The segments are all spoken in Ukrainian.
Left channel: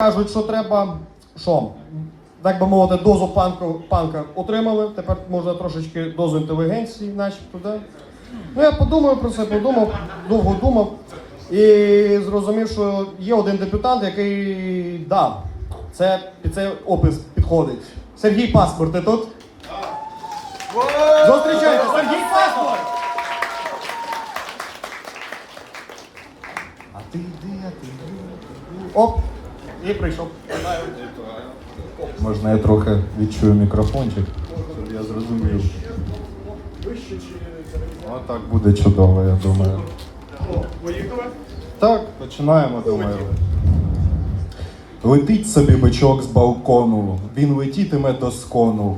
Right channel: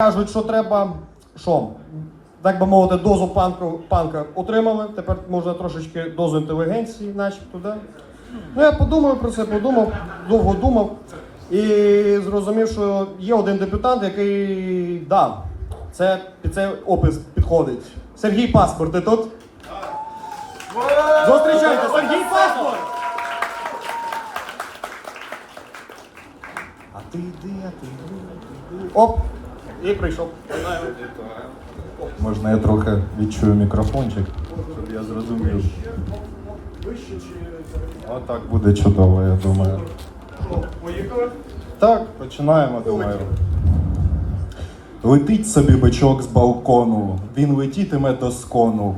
Кажуть, що треба що? Так би мовити, дозу панку, панка отримали. Тепер можна трошечки дозу інтелігенції, начебто, да? Ну я подумав про це, подумав, довго думав і зрозумів, що є один депутат, який да, це під цей опис підходить. Сергій Паспорт, ти тут? Зустрічайте, Сергій Паспорт! А ти йди, а ти йди. Оп, і прийшов. Можна я трохи відчую мікрофончик, я зрозумів. Вище чи А так буде чудово, я думаю. Поїхали? Так, починаємо, думаю. Летить собі бичок з балкону, він летітиме до скону,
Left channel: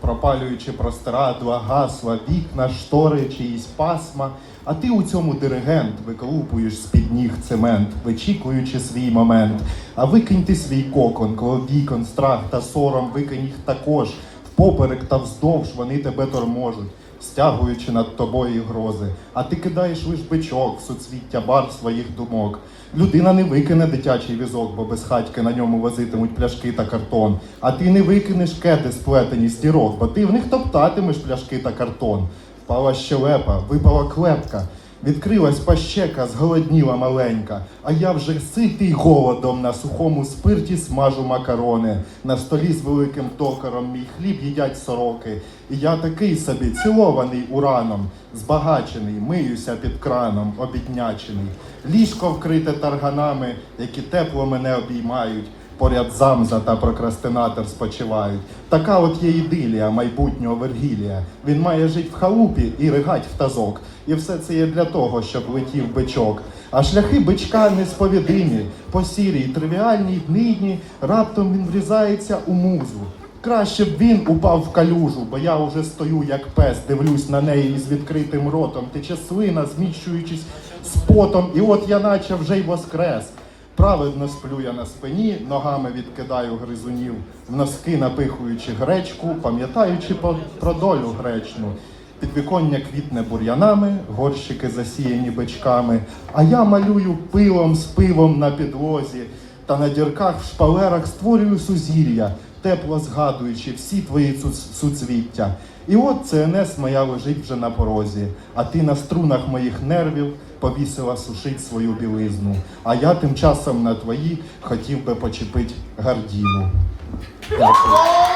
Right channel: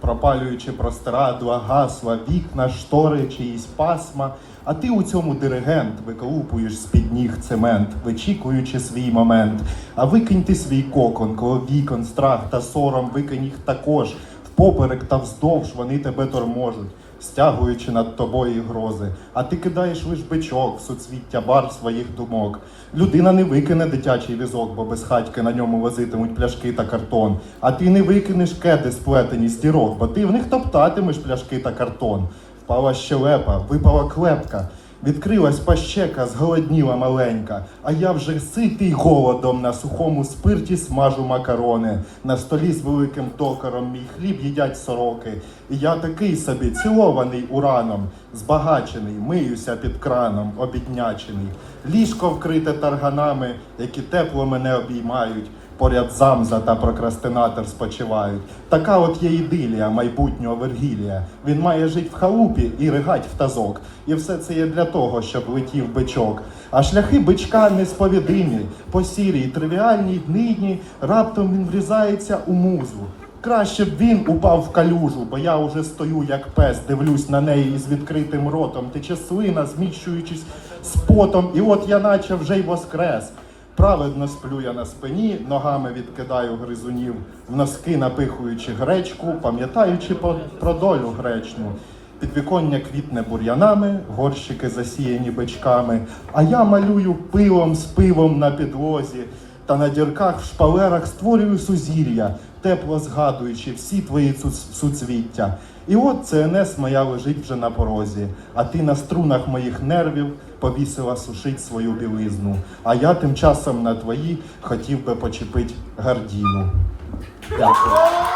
пропалюючи простирадла, гасла, вікна, штори, чиїсь пасма. А ти у цьому диригент виколупуєш з-під ніг цемент, вичікуючи свій момент. А викинь ти свій кокон, коло вікон, страх та сором, викинь їх також. Впоперек та вздовж вони тебе торможуть стягуючи над тобою грози, а ти кидаєш лиш бичок суцвіття бар своїх думок. Людина не викине дитячий візок, бо без хатьки на ньому возитимуть пляшки та картон. А ти не викинеш кети, сплетені з дірок, бо ти в них топтатимеш пляшки та картон. Впала щелепа, випала клепка. Відкрилась пащека, зголодніла маленька, а я вже ситий голодом на сухому спирті смажу макарони. На столі з великим токаром мій хліб їдять сороки. І я такий собі цілований ураном, збагачений, миюся під краном, обіднячений. Ліжко вкрите тарганами, які тепло мене обіймають. Поряд замза та прокрастинатор спочивають. Така от є ідилія майбутнього Вергілія. Він має жити в халупі і ригать в тазок. І все це є для того, щоб летів бичок. А шляхи бичка несповідимі, по сірій, тривіальній днині раптом він врізається у музу. Краще б він упав в калюжу, бо я уже стою як пес, дивлюсь на неї із відкритим ротом, тече слина, зміщуючись з потом, і от я наче вже й воскрес. Праведно сплю я на спині, ногами відкидаю гризунів, носки напихуючи гречку, пам'ятаючи про долю гречну. Підвіконня квітне бур'янами, горщики засіяні бичками, а я малюю пилом з пивом на підлозі, та на дірках в шпалерах створюю сузір'я, тепло згадуючи всі твої суцвіття. І от ЦНС моя лежить вже на порозі, а ти на струнах моїх нервів повісила сушить свою білизну. А я тим часом на твої хотів би почепить гардіну. Дякую.